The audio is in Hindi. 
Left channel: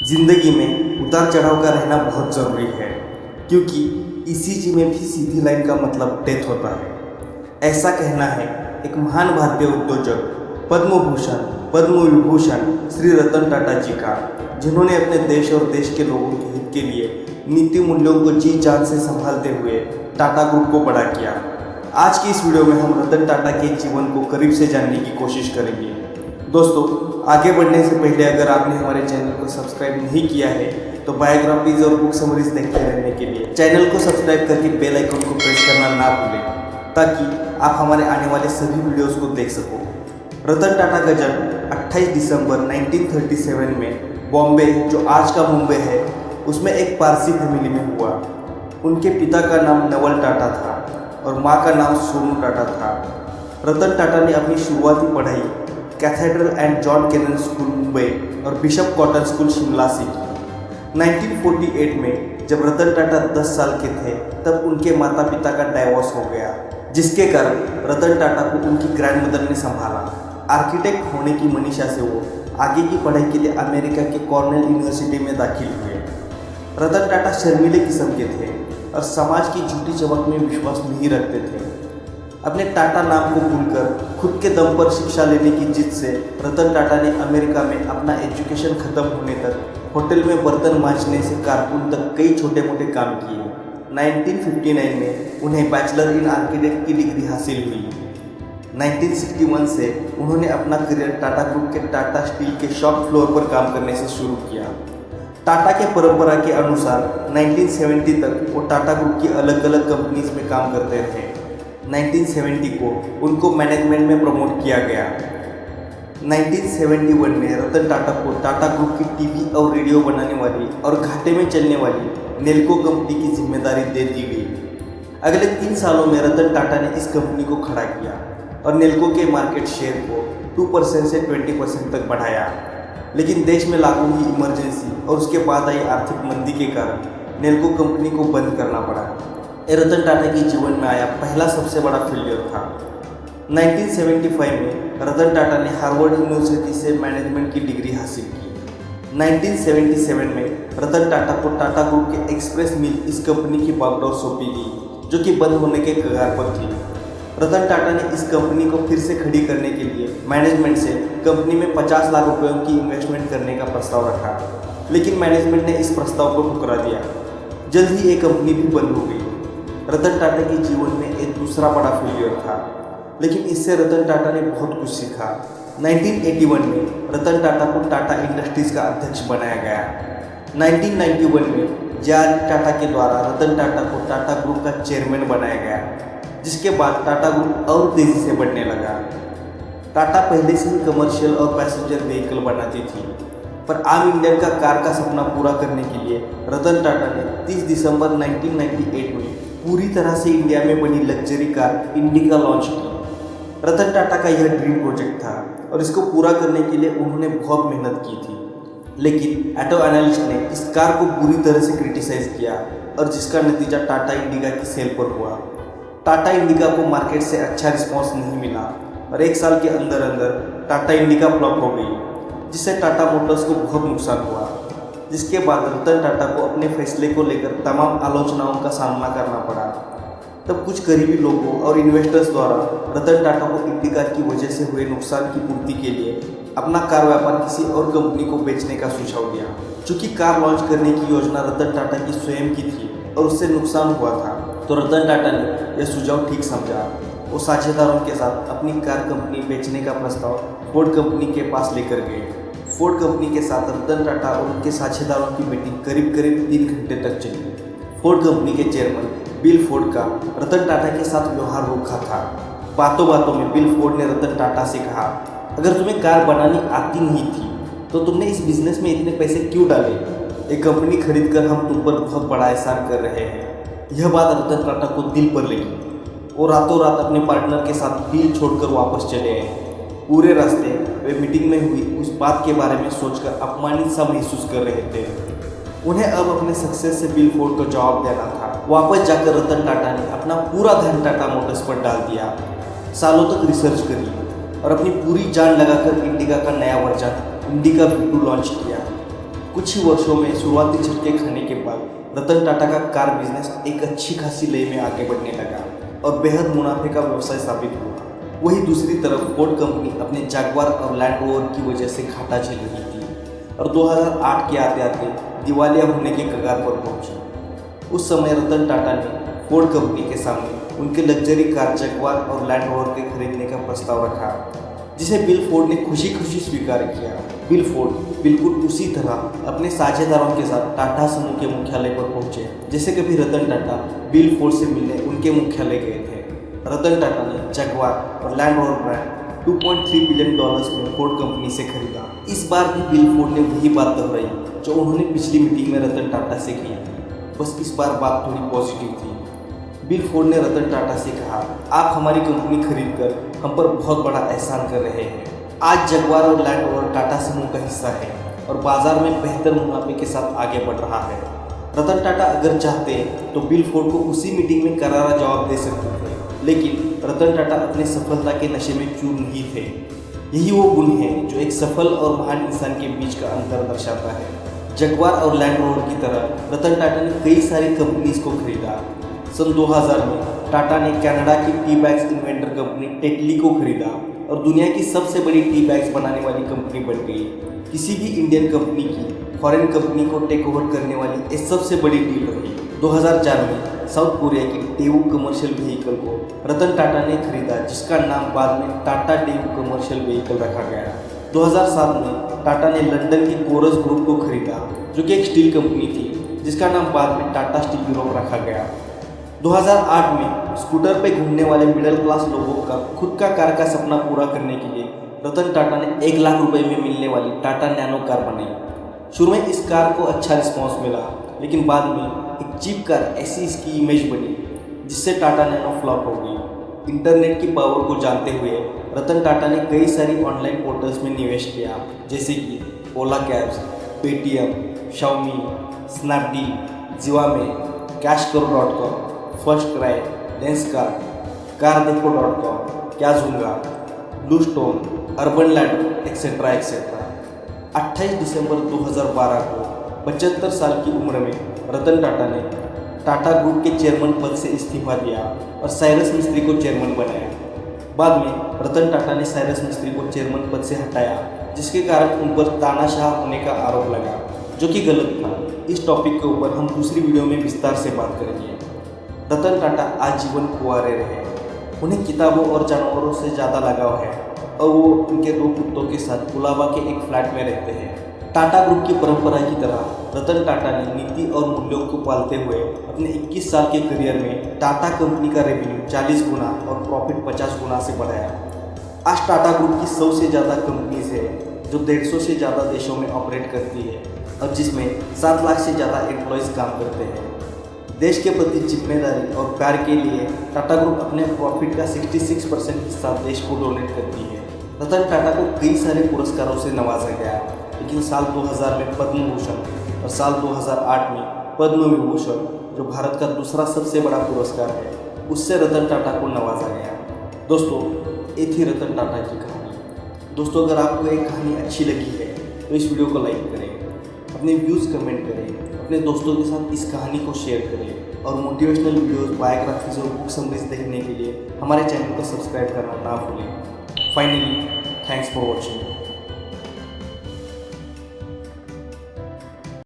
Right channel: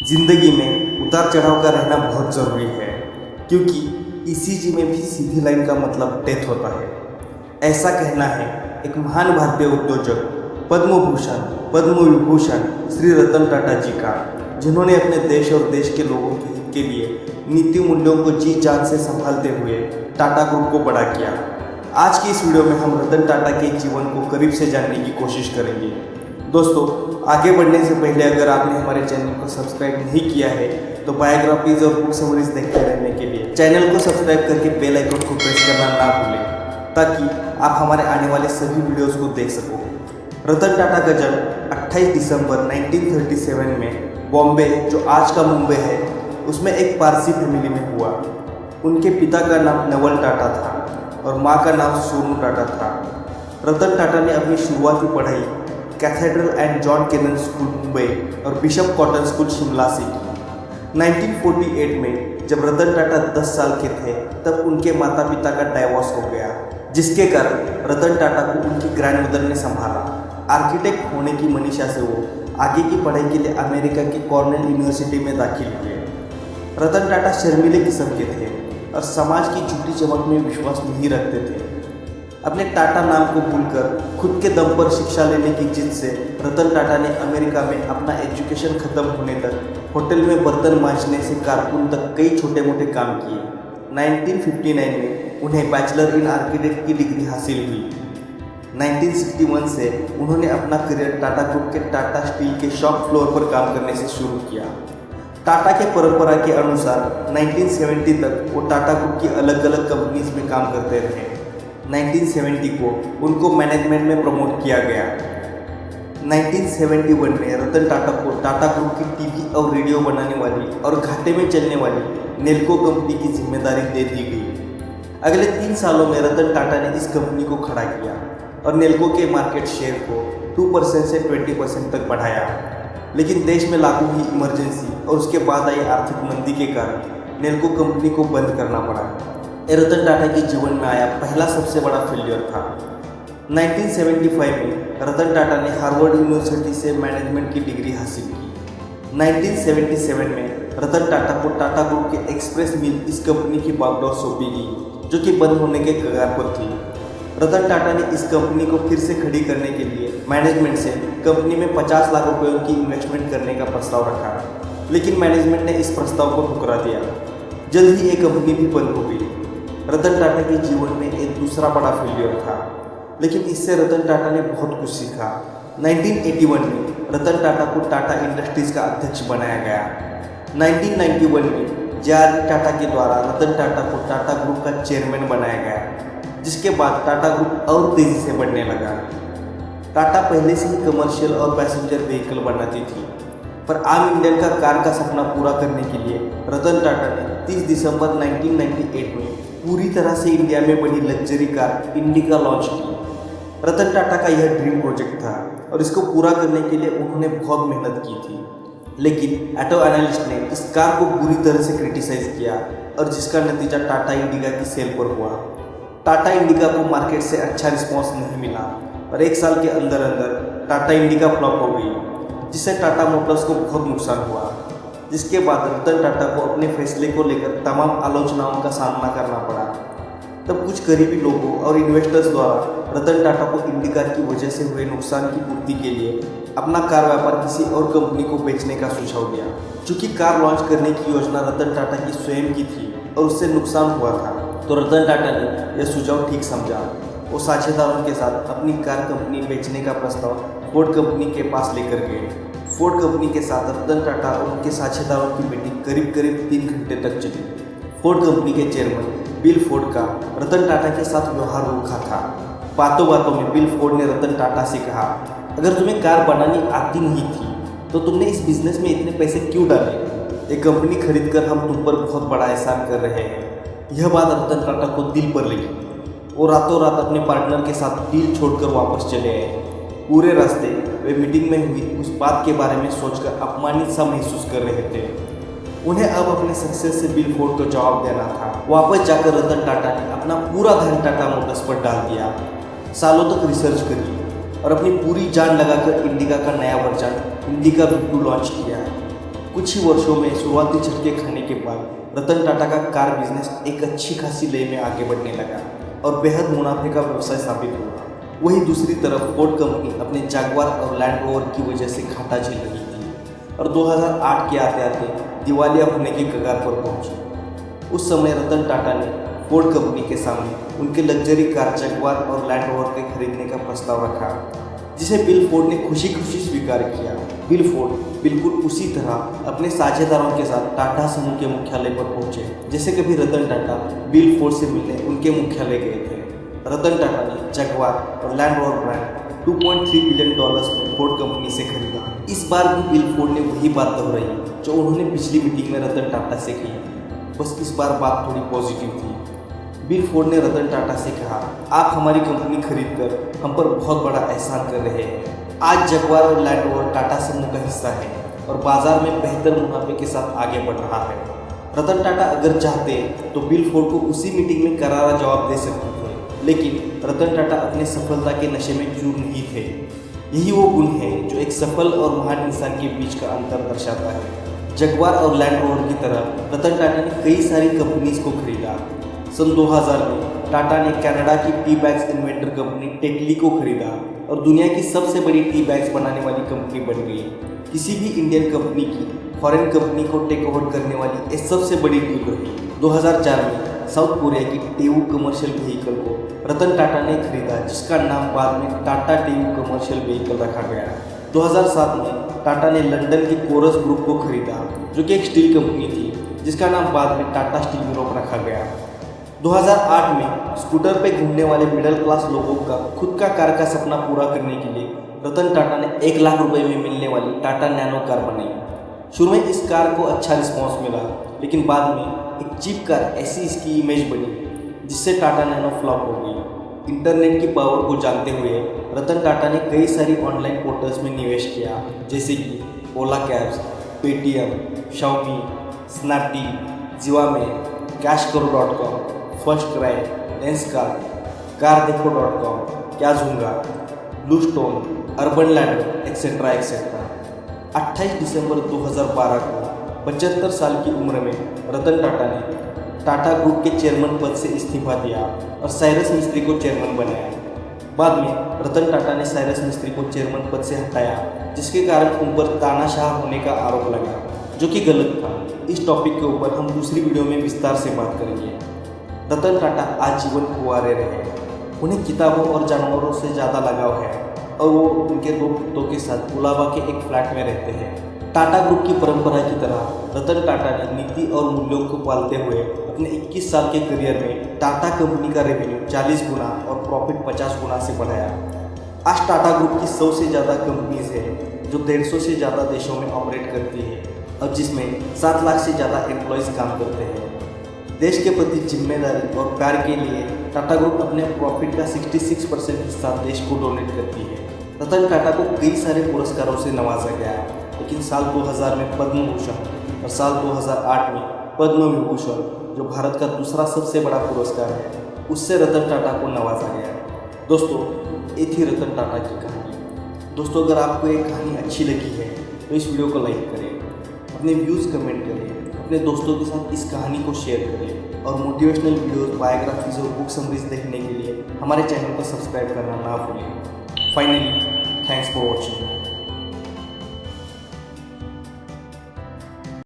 जिंदगी में उतार चढ़ाव का रहना बहुत ज़रूरी है, क्योंकि ईसीजी में भी सीधी लाइन का मतलब डेथ होता है। ऐसा कहना है एक महान भारतीय उद्योजक, पद्म भूषण, पद्म विभूषण श्री रतन टाटा जी का, जिन्होंने अपने देश और देश के लोगों के हित के लिए नीति मूल्यों को जी जान से संभालते हुए टाटा ग्रुप को बड़ा किया। आज की इस वीडियो में हम रतन टाटा के जीवन को करीब से जानने की कोशिश करेंगे। दोस्तों, आगे बढ़ने से पहले अगर आपने हमारे चैनल को सब्सक्राइब नहीं किया है तो बायोग्राफीज और बुक समरीज देखते रहने के लिए चैनल को सब्सक्राइब करके बेल आइकन को प्रेस करना ना भूलें, ताकि आप हमारे आने वाले सभी वीडियोस को देख सको। रतन टाटा का जन्म 28 दिसंबर 1937 में बॉम्बे, जो आज का मुंबई है, उसमें एक पारसी फैमिली में हुआ। उनके पिता का नाम नवल टाटा था और माँ का नाम सोनू टाटा था। रतन टाटा ने अपनी शुरुआती पढ़ाई cathedral and John Connon school Mumbai और बिशप कॉटन स्कूल शिमला से की। 1948 में जब रतन टाटा 10 साल के थे तब उनके माता पिता का डाइवोर्स हो गया, जिसके कारण रतन टाटा को उनकी ग्रैंडमदर ने संभाला। आर्किटेक्ट होने की मनीषा से वो आगे की पढ़ाई के लिए अमेरिका के कॉर्नेल यूनिवर्सिटी में दाखिल हुए। रतन टाटा शर्मीले किस्म के थे और समाज की झूठी चमक में विश्वास नहीं रखते थे। अपने टाटा नाम को भूलकर खुद के दम पर शिक्षा लेने की जिद से रतन टाटा ने अमेरिका में अपना एजुकेशन खत्म होने तक होटल में बर्तन मांजने से कारकुन तक कई छोटे मोटे काम किए। 1959 में उन्हें बैचलर इन आर्किटेक्ट की डिग्री हासिल हुई। 1961 से उन्होंने अपना करियर टाटा ग्रुप के टाटा स्टील के शॉप फ्लोर पर काम करने से शुरू किया। टाटा के परंपरा के अनुसार 1970 तक वो टाटा ग्रुप की अलग अलग कंपनीज में काम करते रहे। 1970 को उनको मैनेजमेंट में प्रमोट किया गया। 1971 में रतन टाटा को टाटा ग्रुप की टीवी और रेडियो बनाने वाली और घाटे में चलने वाली नेल्को कंपनी की जिम्मेदारी दे दी गई। अगले 3 सालों में रतन टाटा ने इस कंपनी को खड़ा किया और नेल्को के मार्केट शेयर को 2% से 20% तक बढ़ाया। लेकिन देश में लागू हुई इमरजेंसी और उसके बाद आई आर्थिक मंदी के कारण नेल्को कंपनी को बंद करना पड़ा। रतन टाटा के जीवन में आया पहला सबसे बड़ा फेलियर था। 1975 में रतन टाटा ने हार्वर्ड यूनिवर्सिटी से मैनेजमेंट की डिग्री हासिल की। 1977 में रतन टाटा को टाटा ग्रुप के एक्सप्रेस मिल इस कंपनी की बागडोर सौंपी गई, जो कि बंद होने के कगार पर थी। रतन टाटा ने इस कंपनी को फिर से खड़ी करने के लिए मैनेजमेंट से कंपनी में 50 लाख रुपयों की इन्वेस्टमेंट करने का प्रस्ताव रखा, लेकिन मैनेजमेंट ने इस प्रस्ताव को ठुकरा दिया। जल्द ही ये कंपनी भी बंद हो गई। रतन टाटा के जीवन में एक दूसरा बड़ा फेलियर था, लेकिन इससे रतन टाटा ने बहुत कुछ सीखा। 1981 में रतन टाटा को टाटा इंडस्ट्रीज का अध्यक्ष बनाया गया। 1991 में जे.आर.डी. टाटा के द्वारा रतन टाटा को टाटा ग्रुप का चेयरमैन बनाया गया, जिसके बाद टाटा ग्रुप और तेज़ी से बढ़ने लगा। टाटा पहले से ही कमर्शियल और पैसेंजर व्हीकल बनाती थी, पर आम इंडियन का कार का सपना पूरा करने के लिए रतन टाटा ने 30 दिसंबर 1998 में पूरी तरह से इंडिया में बनी लग्जरी कार इंडिका लॉन्च की। रतन टाटा का यह ड्रीम प्रोजेक्ट था और इसको पूरा करने के लिए उन्होंने बहुत मेहनत की थी, लेकिन ऑटो एनालिस्ट ने इस कार को बुरी तरह से क्रिटिसाइज़ किया और जिसका नतीजा टाटा इंडिका की सेल पर हुआ। टाटा इंडिका को मार्केट से अच्छा रिस्पॉन्स नहीं मिला और 1 साल के अंदर अंदर टाटा इंडिका फ्लॉप हो गई, जिससे टाटा मोटर्स को बहुत नुकसान हुआ। जिसके बाद रतन टाटा को अपने फैसले को लेकर तमाम आलोचनाओं का सामना करना पड़ा। तब कुछ करीबी लोगों और इन्वेस्टर्स द्वारा रतन टाटा को इंडिका की वजह से हुए नुकसान की पूर्ति के लिए अपना कार व्यापार किसी और कंपनी को बेचने का सुझाव दिया। चूँकि कार लॉन्च करने की योजना रतन टाटा की स्वयं की थी और उससे नुकसान हुआ था, तो रतन टाटा ने यह सुझाव ठीक समझा। वो साझेदारों के साथ अपनी कार कंपनी बेचने का प्रस्ताव फोर्ड कंपनी के पास लेकर गए। फोर्ड कंपनी के साथ रतन टाटा और उनके साझेदारों की मीटिंग करीब 3 घंटे तक चली। फोर्ड कंपनी के चेयरमैन बिल फोर्ड का रतन टाटा के साथ व्यवहार रूखा था। बातों बातों में बिल फोर्ड ने रतन टाटा से कहा, अगर तुम्हें कार बनानी आती नहीं थी तो तुमने इस बिजनेस में इतने पैसे क्यों डाले? एक कंपनी खरीद कर हम तुम पर बहुत बड़ा एहसान कर रहे हैं। यह बात रतन टाटा को दिल पर लगी। वो रातों रात अपने पार्टनर के साथ डील छोड़कर वापस चले आए। पूरे रास्ते वे मीटिंग में हुई उस बात के बारे में सोचकर अपमानित सा महसूस कर रहे थे। उन्हें अब अपने सक्सेस से बिल फोर्ड को जवाब देना था। वापस जाकर रतन टाटा ने अपना पूरा ध्यान टाटा मोटर्स पर डाल दिया। सालों तक रिसर्च करी और अपनी पूरी जान लगाकर इंडिका का नया वर्जन इंडिका V2 लॉन्च किया। कुछ ही वर्षों में शुरुआती झटके खाने के बाद रतन टाटा का कार बिजनेस एक अच्छी खासी लय में आगे बढ़ने लगा और बेहद मुनाफे का व्यवसाय साबित हुआ। वहीं दूसरी तरफ फोर्ड कंपनी अपने जगुआर और लैंड रोवर की वजह से घाटा झेल रही थी और 2008 के आते आते दिवालिया होने के कगार पर पहुंची। उस समय रतन टाटा ने फोर्ड कंपनी के सामने उनके लग्जरी कार जगुआर और लैंड रोवर के खरीदने का प्रस्ताव रखा, जिसे बिल फोर्ड ने खुशी खुशी स्वीकार किया। बिल फोर्ड बिल्कुल उसी तरह अपने साझेदारों के साथ टाटा समूह के मुख्यालय पर पहुंचे जैसे कभी रतन टाटा बिल फोर्ड से मिलने उनके मुख्यालय गए थे। रतन टाटा ने जगुआर और लैंड रोवर ब्रांड $2.3 बिलियन में फोर्ड कंपनी से खरीदा। इस बार भी बिल फोर्ड ने वही बात दोहराई जो उन्होंने पिछली मीटिंग में रतन टाटा से कही थी, बस इस बार बात थोड़ी पॉजिटिव थी। बिल फोर्ड ने रतन टाटा से कहा, आप हमारी कंपनी खरीद कर हम पर बहुत बड़ा एहसान कर रहे हैं। आज जगुआर और लैंड रोवर टाटा समूह का हिस्सा है और बाजार में बेहतर मुनाफे के साथ आगे बढ़ रहा है। रतन टाटा अगर चाहते तो बिल फोर्ड को उसी मीटिंग में करारा जवाब दे सकते थे, लेकिन रतन टाटा अपने सफलता के नशे में चूर नहीं थे। यही वो गुण है जो एक सफल और महान इंसान के बीच का अंतर दर्शाता है। जगुआर और लैंड रोवर की तरह रतन टाटा ने कई सारी कंपनीज को खरीदा। सन 2000 में टाटा ने कनाडा की tea bags inventor company Tetley को खरीदा और दुनिया की सबसे बड़ी टी बैग्स बनाने वाली कंपनी बन गई। किसी भी इंडियन कंपनी की फॉरेन कंपनी को टेक ओवर करने वाली ये सबसे बड़ी डील रही। 2004 में साउथ कोरिया की टेवू कमर्शियल व्हीकल को रतन टाटा ने खरीदा, जिसका नाम बाद में टाटा टेवू कमर्शियल व्हीकल रखा गया। 2007 में टाटा ने लंदन के कोरस ग्रुप को खरीदा, जो कि एक स्टील कंपनी थी, जिसका नाम बाद में टाटा स्टील यूरोप रखा गया। 2008 में स्कूटर पे घूमने वाले मिडिल क्लास लोगों का खुद का कार का सपना पूरा करने के लिए रतन टाटा ने 1 लाख रुपए में मिलने वाली टाटा नैनो कार बनाई। शुरू में इस कार को अच्छा रिस्पांस मिला, लेकिन बाद में एक चीप कार ऐसी इसकी इमेज बनी जिससे टाटा नैनो फ्लॉप हो गई। इंटरनेट की पावर को जानते हुए रतन टाटा ने कई सारी ऑनलाइन पोर्टल्स में निवेश किया, जैसे कि Ola cabs, Paytm, Xiaomi, Snapdeal, Zivame, कैशकरो.com, फर्स्ट क्राई, लेंसकार्ट, कारदेखो.com, क्याजुंगा, Blue Stone, Urban Ladder, etcetera etcetera. 28 दिसंबर 2012 को 75 साल की उम्र में रतन टाटा ने टाटा ग्रुप के चेयरमैन पद से इस्तीफा दिया और साइरस मिस्त्री को चेयरमैन बनाया। बाद में रतन टाटा ने साइरस मिस्त्री को चेयरमैन पद से हटाया, जिसके कारण उन पर तानाशाह होने का आरोप लगा, जो कि गलत था। इस टॉपिक के ऊपर हम दूसरी वीडियो में विस्तार से बात करेंगे। रतन टाटा आजीवन कुंवारे रहे। उन्हें किताबों और जानवरों से ज़्यादा लगाव है और वो उनके 2 कुत्तों के साथ कुलाबा के एक फ्लैट में रहते हैं। टाटा ग्रुप की परंपरा की तरह रतन टाटा ने नीति और मूल्यों को पालते हुए अपने 21 साल के करियर में टाटा कंपनी का रेवेन्यू 40 गुना और प्रॉफिट 50 गुना से बढ़ाया। आज टाटा ग्रुप की 100 से ज़्यादा कंपनीज है जो 150 से ज़्यादा देशों में ऑपरेट करती है और जिसमें 7 लाख से ज़्यादा एम्प्लॉयज़ काम करते हैं। देश के प्रति जिम्मेदारी और प्यार के लिए टाटा ग्रुप अपने प्रॉफिट का 66% हिस्सा देश को डोनेट करती है। रतन टाटा को कई सारे पुरस्कारों से नवाजा गया, लेकिन साल 2000 में पद्म भूषण और साल 2008 में पद्म विभूषण, जो भारत का दूसरा सबसे बड़ा पुरस्कार है, उससे रतन टाटा को नवाजा गया। दोस्तों, ये थी रतन टाटा की कहानी। दोस्तों, अगर आपको ये कहानी अच्छी लगी है तो इस वीडियो को लाइक करें, अपने व्यूज़ कमेंट करें, अपने दोस्तों के साथ इस कहानी को शेयर करें और मोटिवेशनल वीडियोस, बायोग्राफीज और बुक समरीज देखने के लिए हमारे चैनल को सब्सक्राइब करना ना भूलें। Finally, thanks for watching.